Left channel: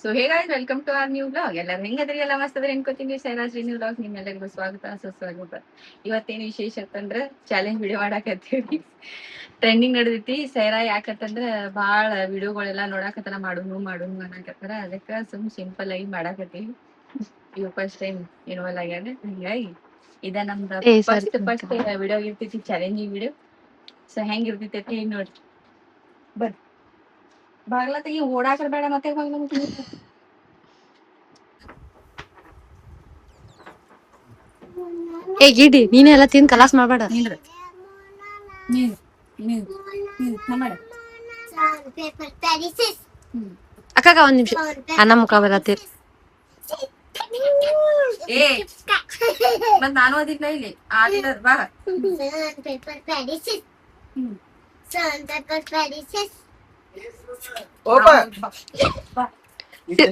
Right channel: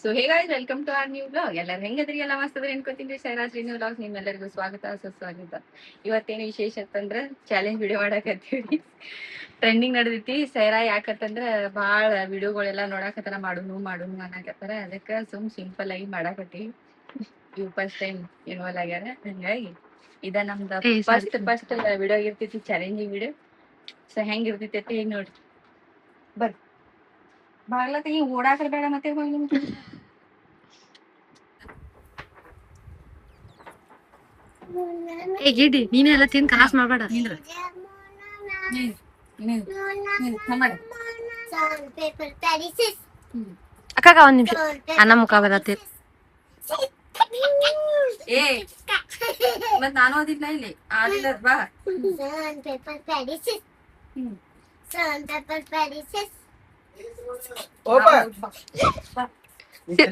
So hey guys, welcome to our new blog. ಎಲ್ಲರೂ ಹೆಂಗದ್ರಿ? ಎಲ್ಲ ಮಸ್ತ್ ಅದ್ರಿ ಅನ್ಕೋತೀನಿ. ಸೈರಾಜ್ ನ್ಯೂ ಬ್ಲಾಗ್ ನಿಮ್ಮೆಲ್ಲರಿಗೂ ಸ್ವಾಗತ ಸುಸ್ವಾಗತ. ಇವತ್ತೇನು ವಿಶೇಷ ಅಂತಂದ್ರೆ ಚಾಲೆಂಜ್ ವಿಡಿಯೋ ಮಾಡಾಕತ್ತೀವಿ. ಟ್ರೆಂಡಿಂಗ್ ನಡೆದೈತಿ. ಸೈರಾ ಯಾಕಂತಂದ್ರ ಭಾಳ ವಿಡಿಯೋಗಳೆಲ್ಲ ನೋಡಾಕತ್ತಾರ, ಮಾಡುನು ಅನ್ನಕತ್ತಾರ. ಅದಕ್ಕೆ ಸಿಂಪಲ್ ಆಗಿ ಮಾಡಾಕತ್ತೀವಿ. ಇವ್ ಫಸ್ಟ್ ಟೈಮ್ ಇನ್ವಾಲ್ವ್ ಆಗ್ಯಾರ. ಹಂಗಾಗಿ ಇದ ನಮ್ದ ಫಸ್ಟ್ ವಿಡಿಯೋ ಇರ್ತೈತಿ, ಚಾಲೆಂಜಿಂಗ್ ವಿಡಿಯೋ. ಸೊ ಹೆಂಗ್ ಇರ್ತೈತಿ ನೋಡ್ರಿ. ಬರ್ರಿ, ಬಾಗ್ಲ ತೆಗಿ, ಓಡಾಕರ ಬೇಡ ಮತ್ತೆ ಏ ಗಿಡಿ, ನೀನು ಎಲ್ಲ ತಿಂದು ಕಲಾಸ್ ಮಾಡ್ಬೇಡ. ಅಕ್ಕಾಗ ಒಂದ್ ನಿಮಿಷ ಅನ್ನ ಮುಖ ಬರತ್ತೀರಿ. ಏ ಮತ್ ನಾನು ಅದಿಲ್ಲ ಇಲ್ಲಿ ಆಡಿಲ್ಲ ಬಾ.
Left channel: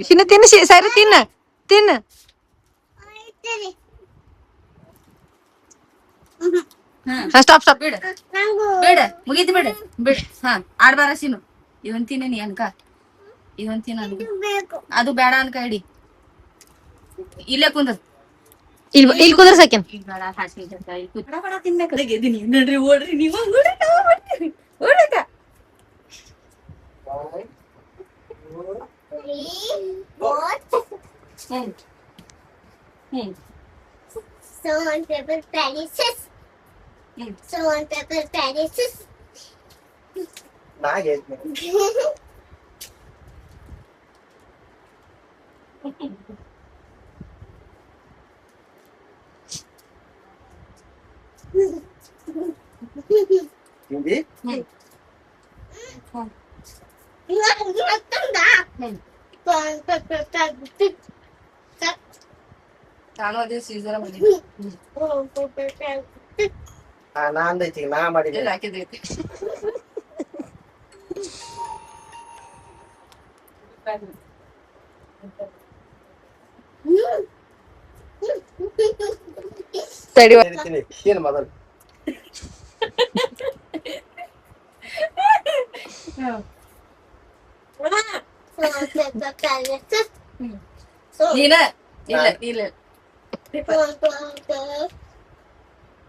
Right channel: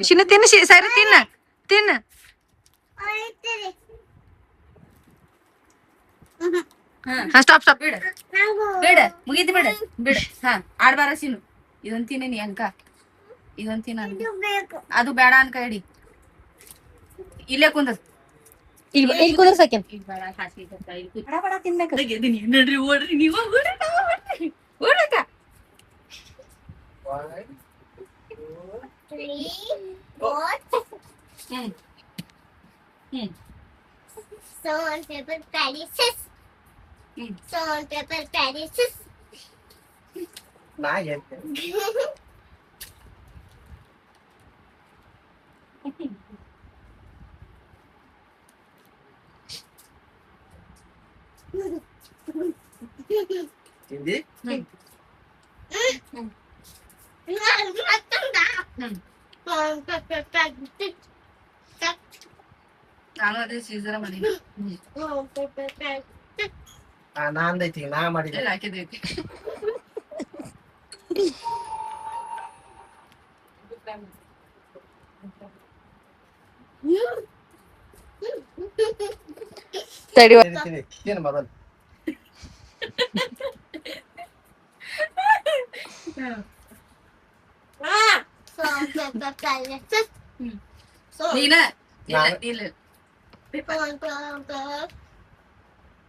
ಚಿನ್ನ ತಿನ್ನ, ಸರಿ ತಿನ್ನ ತಿನ್ನ. Stop stop. ಬಿಡ ಬಿಡ, ಮುಗೀತು ಬಿಡ ಬಿಡ. ಹಾ, ಆಡ್ಬಾರ ಸೀನು. ಇದೊಂದ್ ತಿನ್ನಿ ಅನ್ಕ, ಇದೊಂದ್ ತಿನ್ನ. ಅದು ಬೇಡ ಅನ್ಕ, ಇಡಿ ಇಲ್ಲೇ ಕುಂದ್ರ. ಇಲ್ಲಿ ಕುಂದ್ರ ಸಾಕೇನ್. ನೋಡ್ರಿ, ಓಡ್ರಿ ನೀವು, ಓಡಕ. Salt, pepper, palaces. Salt, pepper, palaces. Hindi? Salt, pepper, palaces. ನಾನು ಅದೇ ಸೀಸರ ಮಾಡಿದ್ದೆ. Salt, pepper, palaces. ನಾಂದೈತಿ ನಾ ಮಾಡಿದ್ದೆ. ಎಲ್ಲ ಹಾಕಿದೈತಿ. ತಡಿ, ಏನು ಮೊದಲು Salt, pepper, palaces. ನೀನ ಇಲ್ಲ ಇಲ್ಲ. Salt, pepper.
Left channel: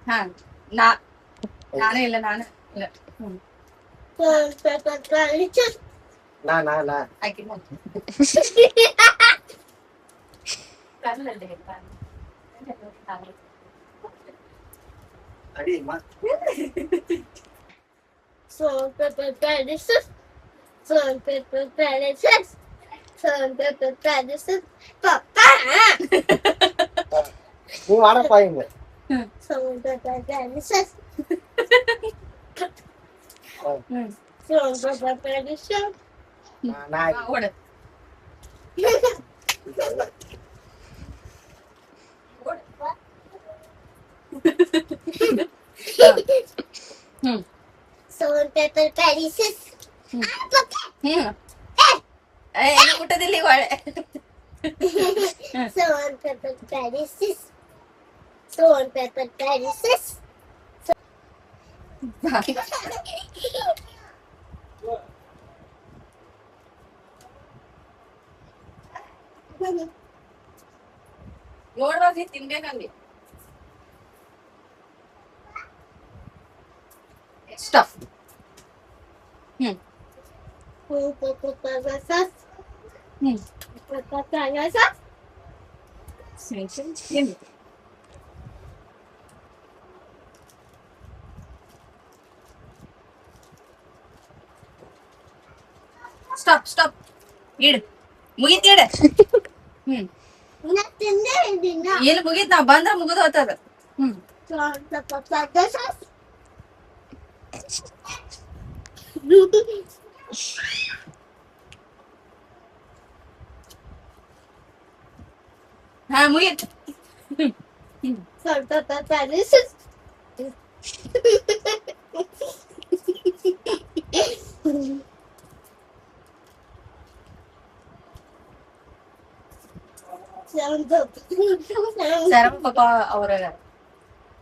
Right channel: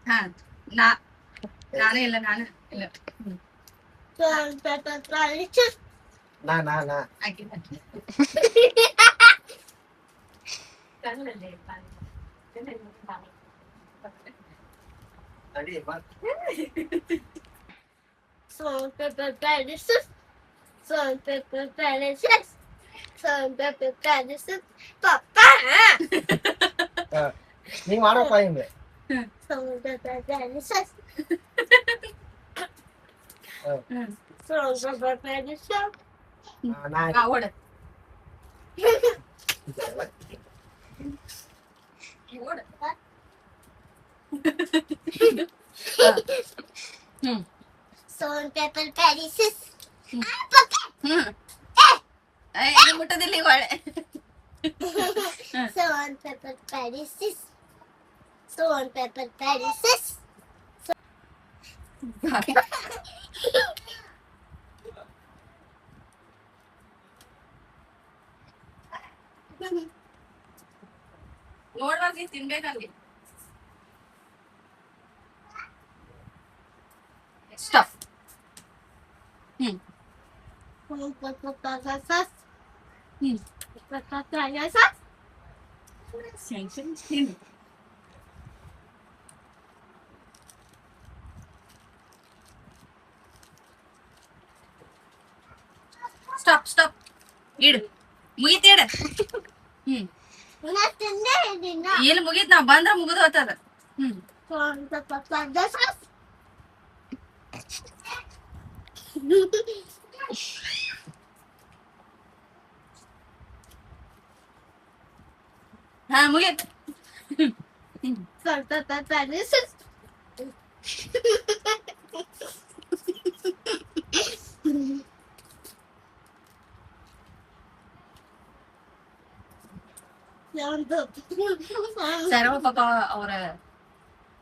ಹಾ, ನಾನೇ ಇಲ್ಲ, ನಾನು ಇಲ್ಲ. Salt, pepper, palaces. ನಾ ಹಾಕಿ ಅಡಿ Salt, pepper, palaces. Salt, pepper, palaces. Salt, pepper, palaces. Papa! ನೀವು ಆಡಪ್ಪ ಹಿಂಗೆ. Salt, pepper, palaces. ಹ್ಮ್. Salt, pepper, palaces. ನಾ ಓಡ. ಹ್ಮ್ Salt, pepper, palaces. ಹ್ಮ್ ಮುಟ್ಟದಿಲ್ಲ ಈಗ ಒಳ್ಳೆ. Salt, pepper, palaces. Salt, pepper, palaces. ನೋಡ್ರಿ ತಿನ್ಬೇಕಂದಿ. ಸ್ಟಫ್. Salt, pepper, palaces. ಹ್ಮ್ Pepper, palaces. ತಿನ್ನಿ. Stop stop. ಇಡು, ಮುಗೀತ್ ಇಡ. ಹ್ಮ್ ಎಲ್ಲಿ ಮುಗೀತ್? ನಾವ್ ಬಂದ್ರ ಮುಗಿದು ಹೋಗ್ತದ. ಹ್ಮ್ Salt, pepper, palaces. ಹಾ ಮುಗೀತ್. Salt, pepper, palaces. ಸರವ ಪಾಪ ಅವ್ರ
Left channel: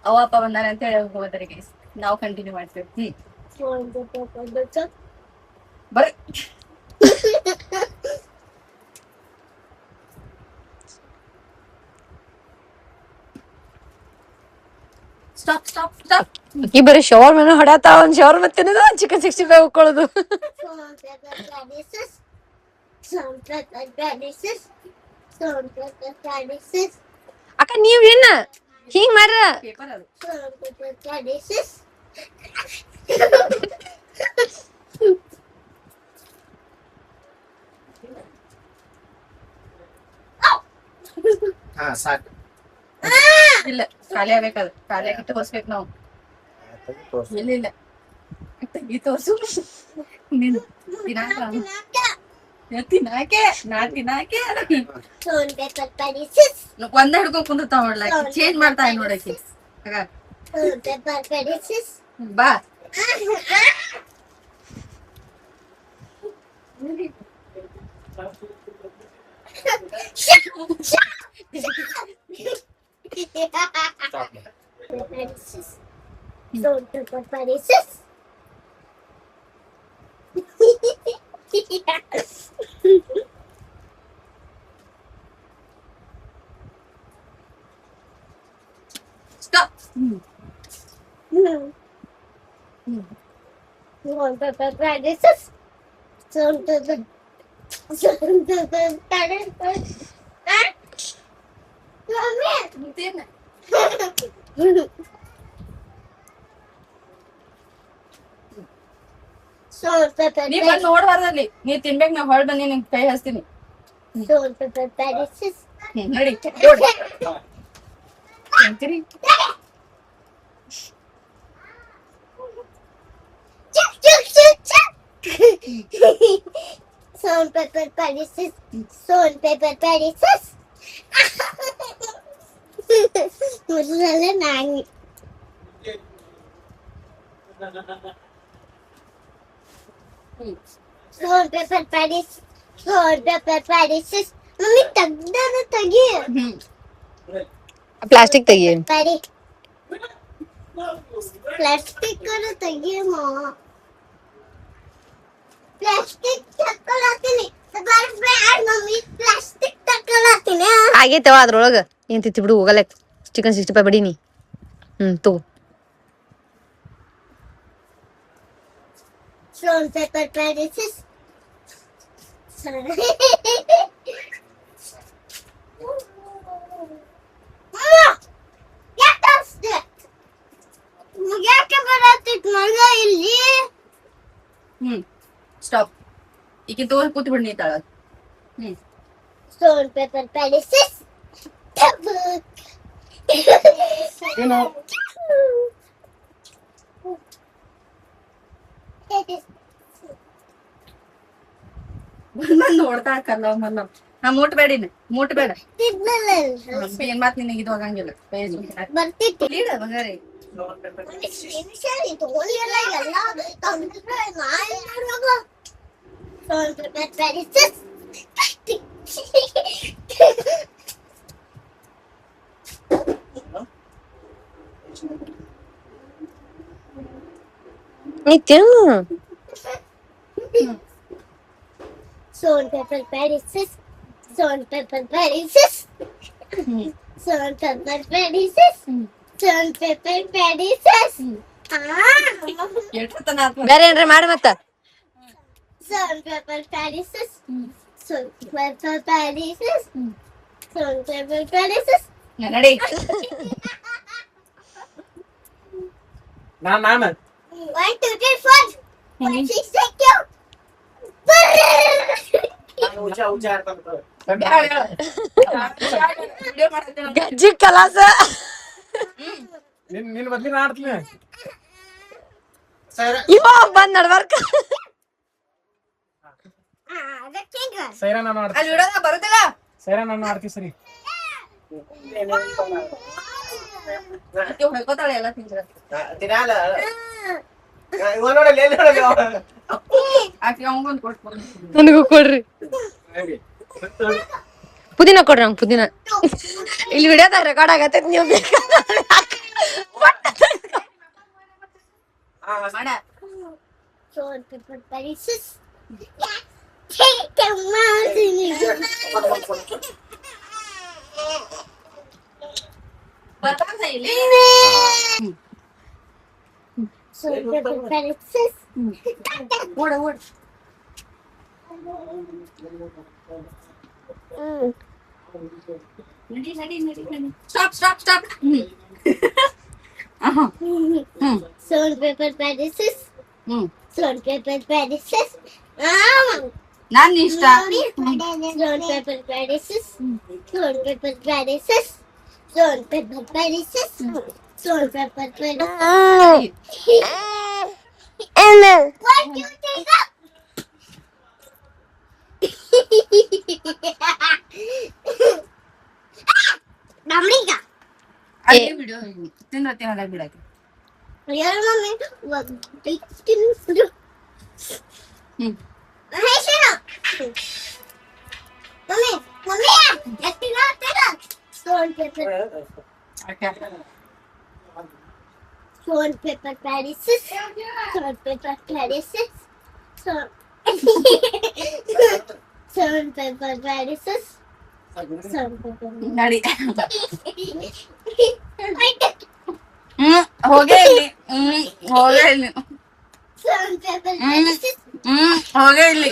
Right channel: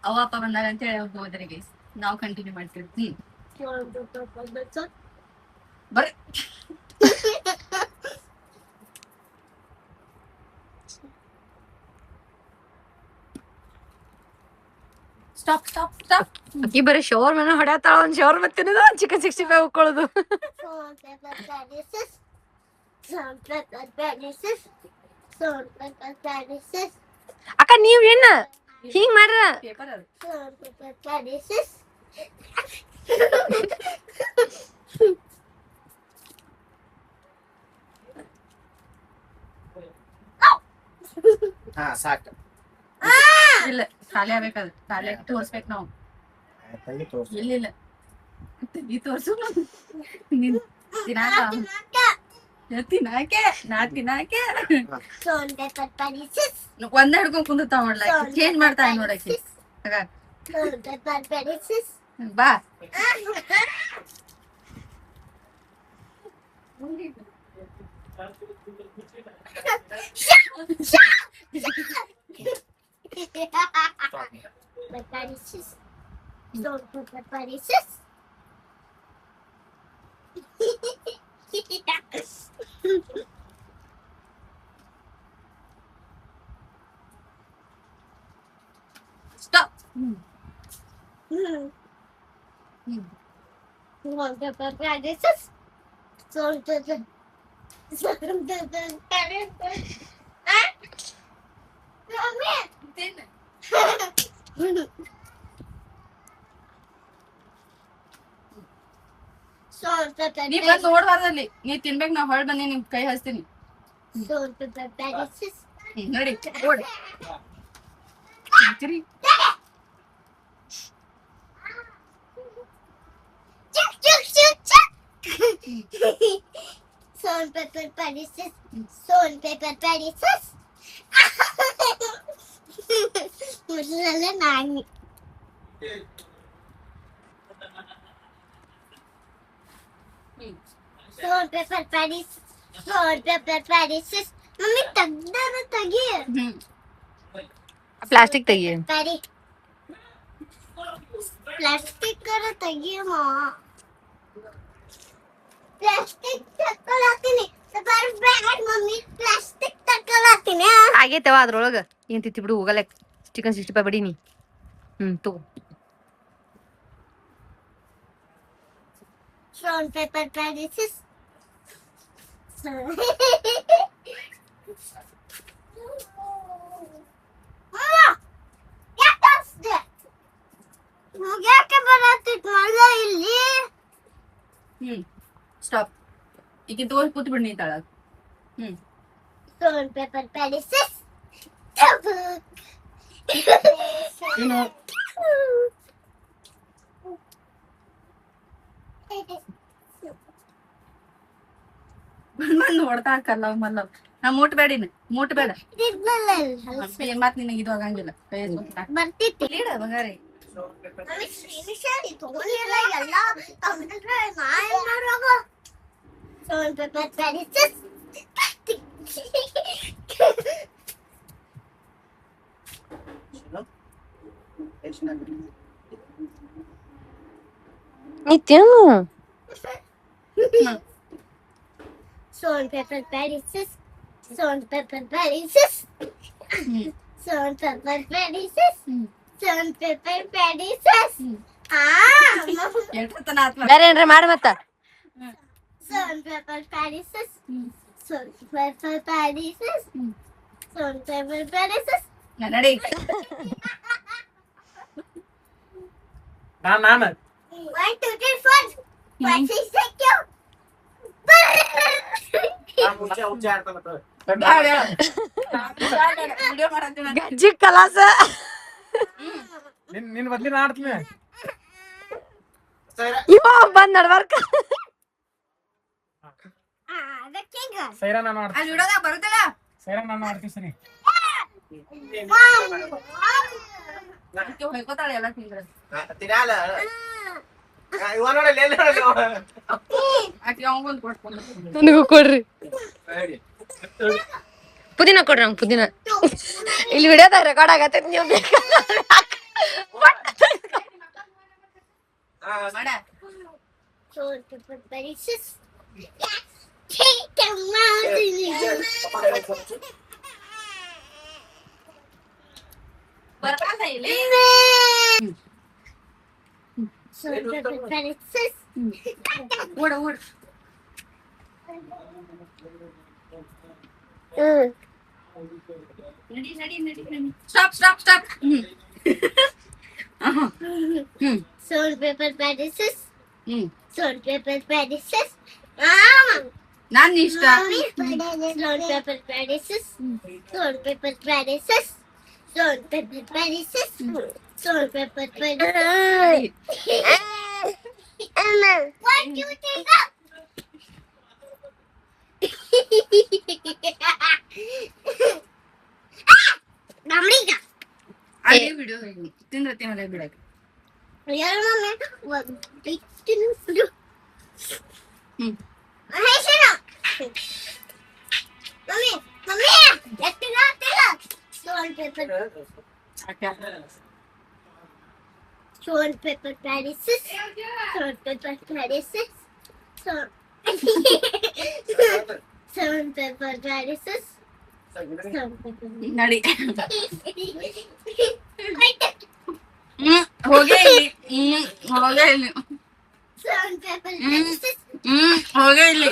ಅವ ಅಪ್ಪ ಬಂದಾರ ಅಂತ ಹೇಳಿ ಹೋದ್ರಿ ಗೈಸ್. ನಾವು ಕಂಟಿನ್ಯೂ ಮಾಡ್ತೀವಿ. ಬರ್ರಿ. ಈ ಬರೀ ಶವರ್ ಮನೆ ಹೊಡ್ಯಾತ ಒಂದ್ ಶವರ್ ಮತ್ತೆ chicken 65 ಉಕ್ಕೊಳ್ಳೋದು. Salt, pepper, spices. Salt, pepper, spices. Salt, pepper, spices. ಅಕ್ಕ ನೀವ್ ಏನ ಹಿಂಗ್ ಮಾಡ್ರ ಪೇಪರ್ ಅದು. Salt, pepper, spices. ಹಾ ಸಾಕು ಇಲ್ಲ ಖಾಲಿ ಆಗ್ಬೇಕದು. ಖಾಲಿ ಆಗಿಟ್ಟು ಹೊಸ್ಬೇಕು ನಾವು. ತಂಗಿ ತೋರ್ಸು. ಇಲ್ಲ ಇಲ್ಲ ತಂಗಿ ತೋರ್ಸು. ನೀನು ತಿನ್ನಾಕ ತಿನ್ನಾಕೆ ನಾ ತಿನ್ನಾಕೆ Salt, pepper, spices. ಒಂದ ಹಿಡ್ಕೊಂಡ್ ಕುಂದಿರ್ತಾವ ನೋಡ್ಲ ಚೇಂಜ್ ಮಾಡ್ತಾ ನೋಡಕ್ಕೆ ಆಗ Salt, pepper, spices. ಬಾ Stop. Spices. Salt, pepper, spices. Stop. Salt, pepper, spices. Salt, pepper, spices. Mommy. Salt, pepper, ನೀ ಬಂದ್ ನೋಡ್ಬಾರ್ದಲ್ಲಿ ನೀ ತಿನ್ಬೇಕು ನಾ ಹೊಳ್ ಬಂದಿ ನಿಮ್ ಕೈ ಹಚ್ತೀನಿ. salt, pepper, spices. ನೋಡಿ ನೋಡ್. ತಿಂತೀರಿ? Chuck, chuck, chuck, chuck. Salt, pepper, spices. Salt, pepper, spices. ಮೊದಲೆಲ್ಲ ನಾನು salt, pepper, spices. Salt, pepper, spices. Mummy ತೆಗ್ದಾರ ತೆಗಿ ಪ್ಲಾಸ್ಟಿಕ್ ತೆಗಿ. ಪ್ಲಾಸ್ಟಿಕ್ ತೆಗಿಯಮ್ಮ ಪ್ಲಾಸ್ಟಿಕ್ ತಕೊಳತೀನಿ ಬ್ಯಾಡ್ ಮಮ್ಮಿ ಪ್ಲಾಸ್ಟಿಕ್ ತಕೊಳತೀನಿ ಆಗೈತವ ಅದ್ರೊಳಗ ಏನ್ ತಿತ್ತಿ ಬಿಡು ಹೋಗಲ್ಲ ಚಿಕನ್ 65 ಬಡೀನಿ. ತಗೋ. salt, pepper, spices. ಯಾಕೆ ಬರತ್ತಿತ್ತು ಮಗ ಇಲ್ಲಿ ಸ್ಟಾಪ್. ಈಗ ತೋರ್ ಕೂತ್ ಬಿಡ್ ನೀ ತಾಳ. salt, pepper, spices. ಏನು ಬಂದ್ ನೋಡ್ತಾ ಕಲ್ಲ ಮಲ್ಲ ನಾ ಮುಟ್ಬೇಡಿನ ಮುಟ್ಬೇಡ. ತಿನ್ನಲ್ಲ ಏನ್ ಮಾತ್ ನಿನಗೆ ಇದು ಆಗಂಗಿಲ್ಲ. ಬರ್ತಿತ್ತು ಲೀಡ ಬಂಗಾರಿ ತಗೊಳ್ಳಿಲ್ಲ ಎಲ್ಲ ತಂದ್ರೆ ನಾ ಏನ್ ಮಾಡುವಾಗ salt, pepper, spices. ನೀ ತಿನ್ನು. Salt, pepper, spices. Salt, pepper, spices. Salt, pepper, spices. Salt, pepper, spices. ಎಷ್ಟತನ ಆತ್ಮ. ಬೇರೆ ಏನ್ರ ಮಾಡಿ ಮತ್ತ Salt, pepper, spices. Salt, pepper, spices. Salt, pepper, spices. ನಡಿ ನಾನು 1, 2, 3, 4. 5, 6, 7. ಉಚ್ಚ ಆಡ್ತಾನ ವಿಡಿಯೋ ಮಾಡತ್ತೀನಿ. ಗಜ್ಜಿ ಕಲಾಸ. ನಿನ್ ಬದ್ಲಿ ನಾ ಆಡ್ತೀನಿ ಸೈರಾ ಇವ ಬಂದ್ ನಡ್ಬಾರ್ಕ. ಸೈರಾ ನಾನು ಅಲ್ಲಿ ಆಡ್ತೀನಿ ವಿಡಿಯೋದಾಗ ಬರುದಿಲ್ಲ. ಸೈರಾ ನಾನು ಆಡ್ತೀನಿ ಸರಿ ಆಕಿ ಹೊಯ್ಕೋತಾಳೆ ಎಲ್ಲ ತಿಂದ್ರೆ. ತಿನ್ನಾಲ ಇವ ನೋಡಲ್ಲ ಎಲ್ಲಿ ನೋಡಲ್ಲ ಆಕಿ ಅಮ್ಮಗೊಂದು ಕೊಟ್ಕೊಂಡು ನನಗೂ ಕೊಡ್ರಿ ಪುದೀನ ಕೊಡ್ರಿ ನಂಗೆ ಪುದೀನ. ಇಲ್ಲಿ ವಿಡಿಯೋದಾಗ ರೆಕಾರ್ಡ್ ಆಗತ್ತೈತಿ ನೀವು ಮಾಡ. Salt, pepper, spices. Take a mountain. ಬರ್ತಾನ ಇಲ್ಲಿ paper, pen, scissors. ಓಡ ಓಡ. ನಡಿ ನಡಿ ನಡಿ ನಡಿ. Stop stop stop. Stone, paper, pen, scissors. Stone, paper, pen, scissors. ನಾನ್ ಇಷ್ಟ. Stone, paper, pen, scissors. Stone, paper, pen, scissors. Stone, paper, pen, scissors. Stone, paper, pen. What do you take up? Namrika. ಅದೇ ಬಿಡು ತಿಂದ್ರತ್ತೆ ಮನೆ ಬಿಡಕ್ಕೆ. Real mommy, what big things do? Hey, shut up. Mommy, let me out. Stone, paper, okay. stone, paper, pen, scissors. Stone, paper, pen, scissors. Stone, paper, pen, scissors. Stone, paper. ನಡಿ. I took ಹೋಗೇ ಇಲ್ಲಿ. ಹೋಗೇ ಇಲ್ಲಿ. stone, paper, pen, scissors. ಹೋಗೇ ಇಲ್ಲಿ.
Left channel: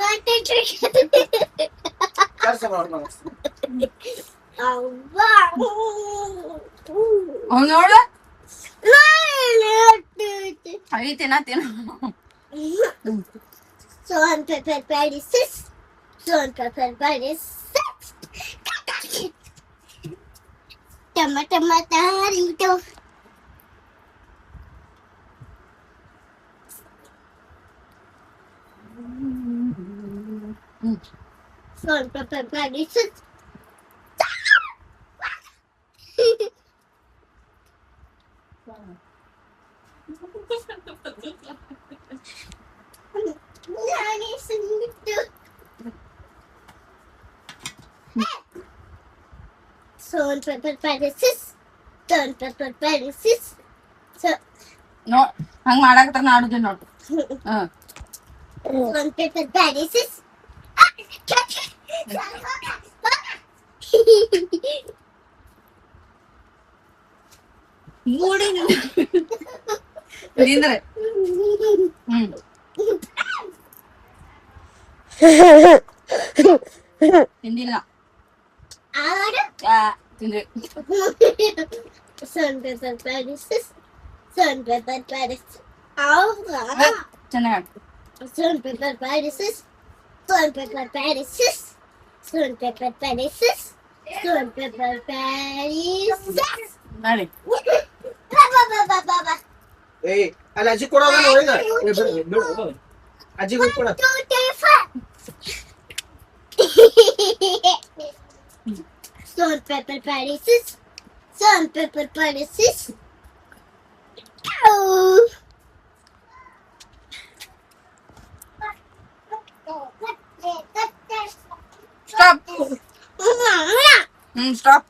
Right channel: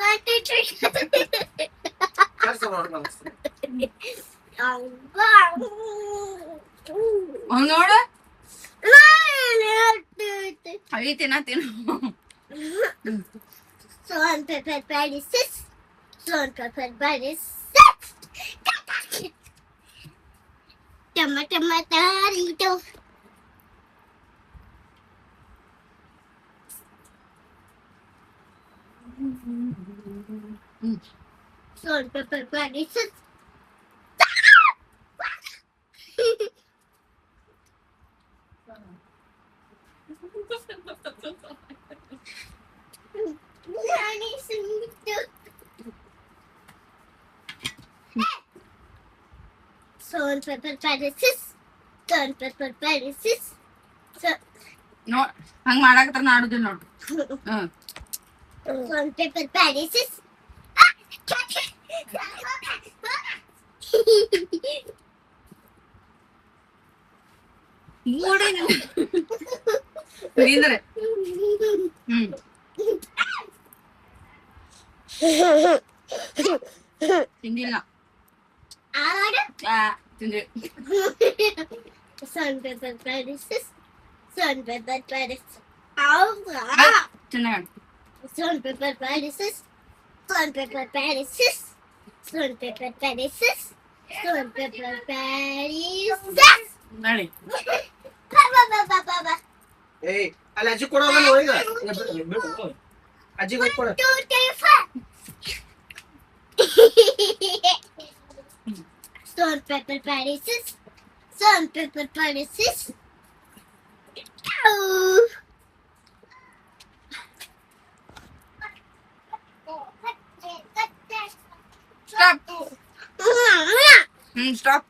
What the trick? ಕೆಲಸ ಮಾಡ್ಬೋದು. Oh, wow. ಅವ್ನು ನೋಡು Stone, ಅವಿ ತಿನ್ನ. paper, pen, scissors. Stone, paper, pen, scissors. Tomato. Stone, paper, pen, scissors. Stone, paper, pen, scissors. Stone, paper, pen, scissors. No ಹಂಗ ಮಾಡಾಕತ್ರ ನಾಡುದಿಲ್ಲ ನೋಡು. Stone, paper, pen, scissors. ಮೂಡಿ ನಿಂದ್ರೆ. ತಿಂದಿಲ್ಲ. ತಿಂದ್ರಿ. Stone, paper, pen, scissors. Stone, paper, pen, scissors. ಚೆನ್ನಾಗಿ. Stone, paper, pen, scissors. Stone, paper, pen, scissors. Stone, paper, pen, scissors. Stone, paper, pen, scissors. ನಡಿ. ಏಯ್ ಅಲ್ಲಿ ಅಜ್ಜಿ ಕೊಡೋದಲ್ಲ ಒಳಗ. ಬಿಡು ಅಜ್ಜಿಗೆ ಹೋಗಿ ಕೊಡ. 2, 3, 4. Stone, paper, pen, scissors. Stone, paper, pen, scissors. Stop. Stop.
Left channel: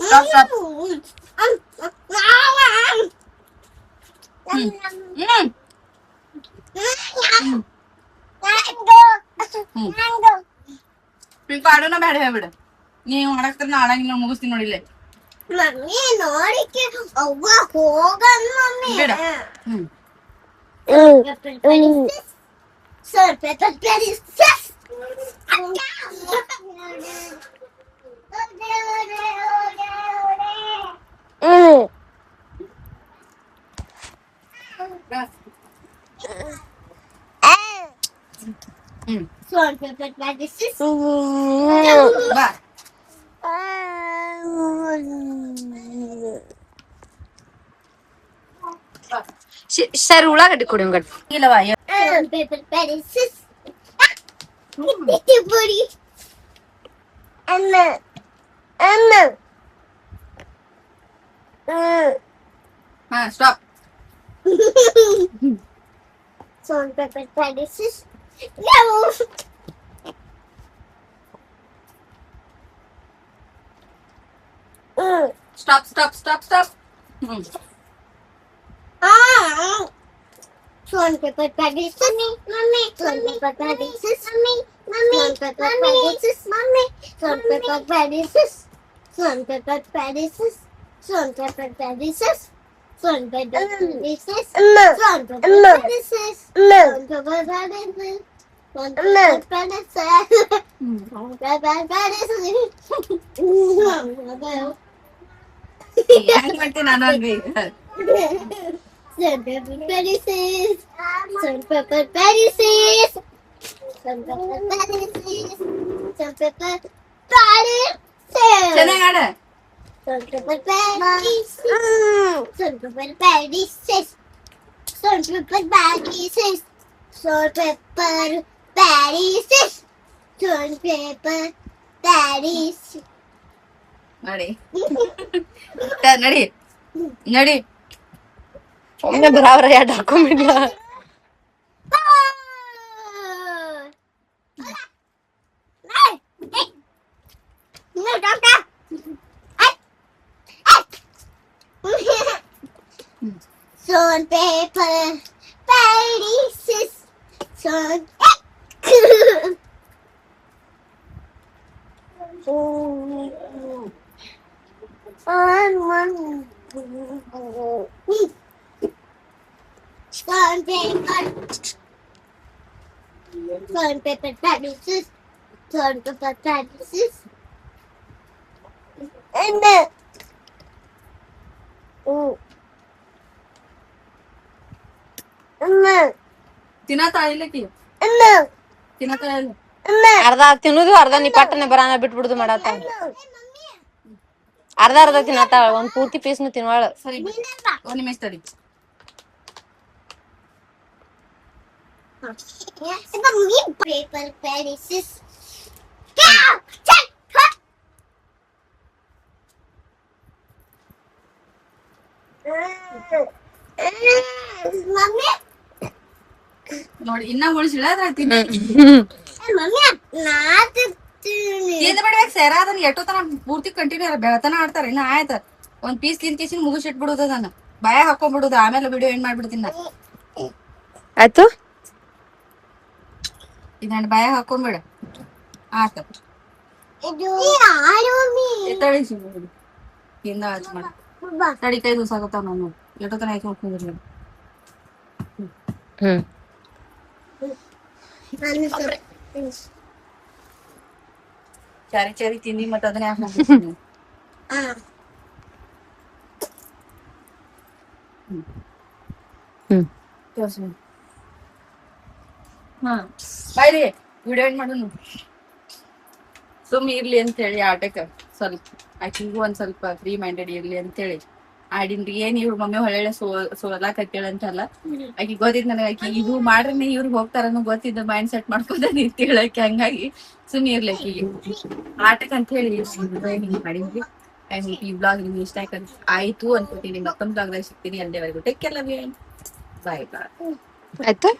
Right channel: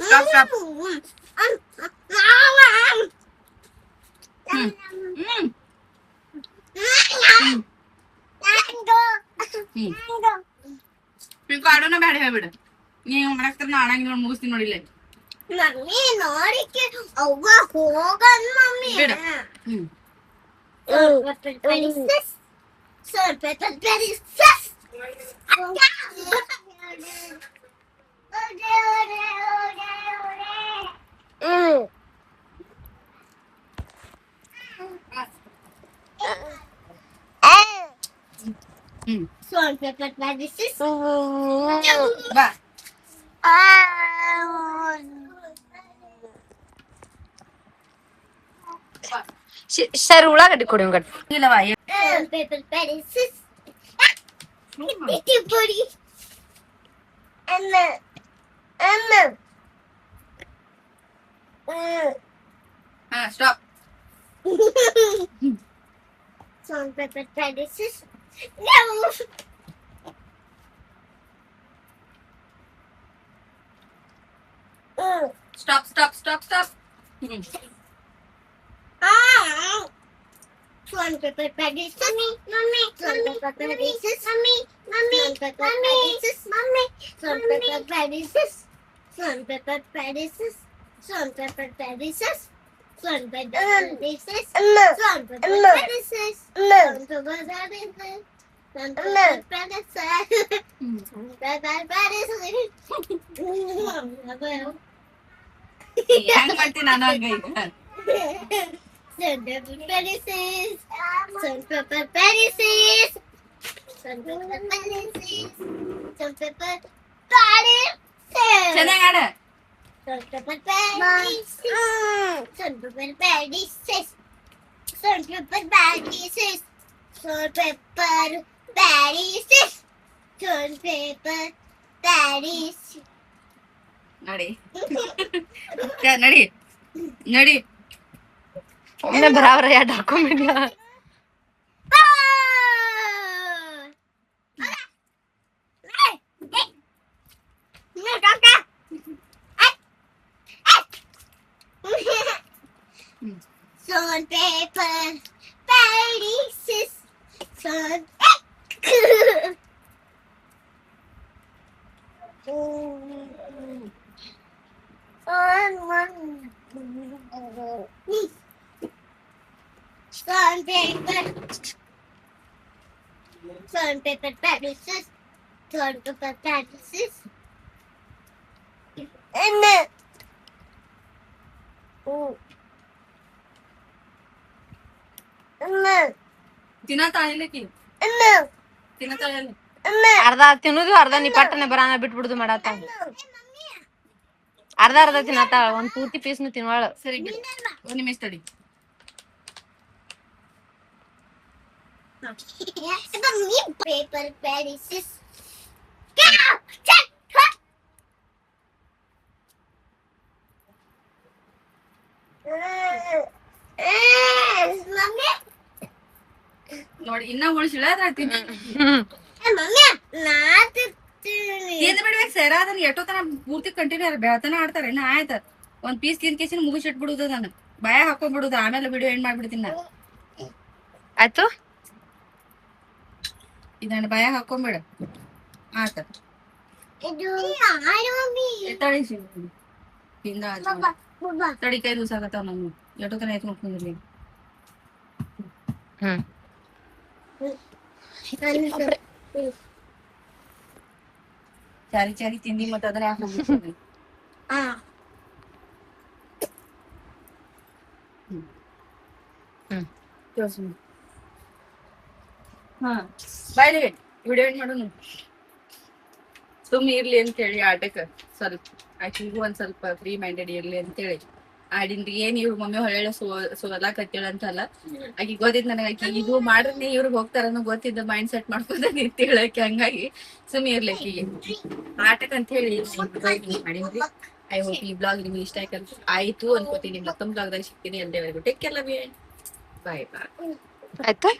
Stop stop. ಈಗ ಆಡೋಣ ಬೇಡ ಹೇಳ್ಬಿಡು. ನೀವು ಮಾಡಾಕ್ತಾರ ನಾ ಆಡಂಗಿಲ್ಲ ಮುಗಿಸ್ತೀನಿ ನೋಡಿಲ್ಲ. ಮಮ್ಮಿ ನೋಡಿಕೆ ಅವ್ವ ಹೋಗನ್ ಮಮ್ಮಿ ಬಿಡ. ಸ್ವಲ್ಪ ಬಾ. ಸರ್ ಉಳ್ಳಾಗಡ್ಡಿ ಕೊಡಿ ಹಂಗ. ಇಲ್ಲವಾ paper pencils. Buddy. Anna. ಹಾ stop. Salt, pepper, pencils. No. Stop stop stop stop. Salt, pepper, pencils. Mommy. Salt, pepper, pencils. Mommy. Salt, pepper, pencils. Mommy. Salt, pepper, pencils. Salt, pepper, pencils. Salt, pepper, pieces. Salt, pepper, pieces. Salt, pepper, pieces. Salt, pepper, pieces. Salt, pepper, pieces. ಹೆಂಗ್ ಮಾಡ್ತೀನಿ ನಾನು ಹಂಗ ಈಗ Salt, pepper, pieces. Salt, pepper, pieces. Salt, pepper, pieces. Salt, pepper, pieces. ಚೆನ್ನಾಗ್ ಆಡ Salt, pepper, pieces. Salt, pepper, pieces. Salt, pepper, pieces. Salt, pepper, pieces. Salt, pepper, pieces. ನಡಿ ನಡಿ ನಡಿ ಒಮ್ಮೆ ಬರಾಬರ ಎರಡು ಹಾಕೊಂಬಿಡ್ಲ Salt, pepper, pieces. Salt. Salt, pepper. Salt, pepper, pieces. Salt, pepper, pieces. And ತಿನ್ನತಾಳ ಇಲ್ಲಕಿ ತಿನ್ನತಾಳ ಇಲ್ಲ ಅರ್ಧ ತಿನ್ನುದು ಅರ್ಧ ನೀ ಪಟ್ಟನೆ ಬರಾನ ಬಿಟ್ಬಿಡುದು ಮಾಡತ್ತ ಅರ್ಧ ಅರ್ಧ ತಿನ್ನತ್ತಾಳ ಒಂದ್ ಪೂರ್ತಿ ಪೀಸ್ನು ತಿನ್ವಾಳ ಸರಿ ಒಂದ್ ನಿಮಿಷ ತಡಿ paper pieces. Mommy, ನೋಡಿ ಇನ್ನ ಉಳಿಸಿಲ್ಲ ಅದ್ರ ತಿನ್ನ mommy, not ತಿಂದ ಬಿಡ್ಬೇಕು ಸೇರ ಅದನ್ನ ಎಷ್ಟೋ ತನ ಪೂರ್ತಿ ಕಂಟಿನ್ಯೂ ಬೆಳತನ ಆಡ್ತಾರ ಇನ್ನ ಆಯ್ತ ಒಂದ್ ಪೀಸ್ ತಿಂದ ಕೇಸಿನ ಮುಗಿಸಿಟ್ಬಿಡುದ ನಾನು ಭಯ ಹಾಕೊಂಡ್ಬಿಡುದು ಆಮೇಲೆ ವಿಡಿಯೋ ಏನ್ ಮಾಡ್ಬಿಡ್ತೀನಿ ನಾ ಆಯ್ತು ಇದನ್ನ ಭಯ ಹಾಕೊಂಡ್ಬಿಡ ಆತ ತಡಿಸಿ ಹಿಂದ ತಡಿ ಕೈ ದೂಸಾಕತ್ತಾವ ನಾನು ಎಷ್ಟೋ ತನ ಆಯ್ತು ನೋಡ್ಕೊಂಡ್ರಿ ನೋಡಿ ಹ್ಮ್ ಚಾರಿ ಚಾರಿ ತಿಂದಿ ಮತ್ತ ಅದನ್ನ ಯಾಕೆ ಹ್ಮ್ ಹಾ ಬಾಯ್ರಿ ವಿಡಿಯೋ ಏನ್ ಮಾಡೋಣ ಸುಮ್ ಇರ್ಲಿ ಅಂತ ಹೇಳಿ ಆಟಕ್ಕ ಸ್ವಲ್ಪ ಆಕಿಗೂ ಒಂದ್ ಸ್ವಲ್ಪ ಫ್ರೀ ಮೈಂಡೆಡ್ ಇರ್ಲಿ ಅಂತ ಹೇಳಿ ಆಡಿನ್ರಿ ಏನ್ ಇವ್ರ ಮಮ್ಮಿ ಹೊಳ್ಳೆ ಸೋಲಾಕತ್ತೇಳ ಅಂತಲ್ಲ ಆಕಿ ಗೊತ್ತಿದ್ ನನಗ ಆಕಿ ಇದು ಮಾಡ್ರಿ ಇವ್ರಿಗೆ ಹೋಗ್ತಾರನ್ನೋ ಗೊತ್ತಿದ್ದ ಮೈಂಡ್ ಸೆಟ್ ಮಾಡ್ಕೊಂಡ ನಿಂತೇಳಕಿ ಹಂಗಾಗಿ ಸುಮ್ ಇರ್ಲಿ ಆಕಿಗೆ ಆಟಕ್ ಅಂತ ಹೇಳಿ ಮಾಡಿದ್ರಿ ಐ ಹೋಪ್ ಈ ಬ್ಲಾಗ್ ನಿಮ್ಗೆ ಇಷ್ಟ ಆಯ್ತು ಅನ್ಕೋತೀನಿ ಮತ್ತೊಂದ್ ಬ್ಲಾಗ್ದಾಗ ಸಿಗ್ತೀನಿ ಅಲ್ಲಿವರೆಗೂ take care love you bye bye ಆಯ್ತು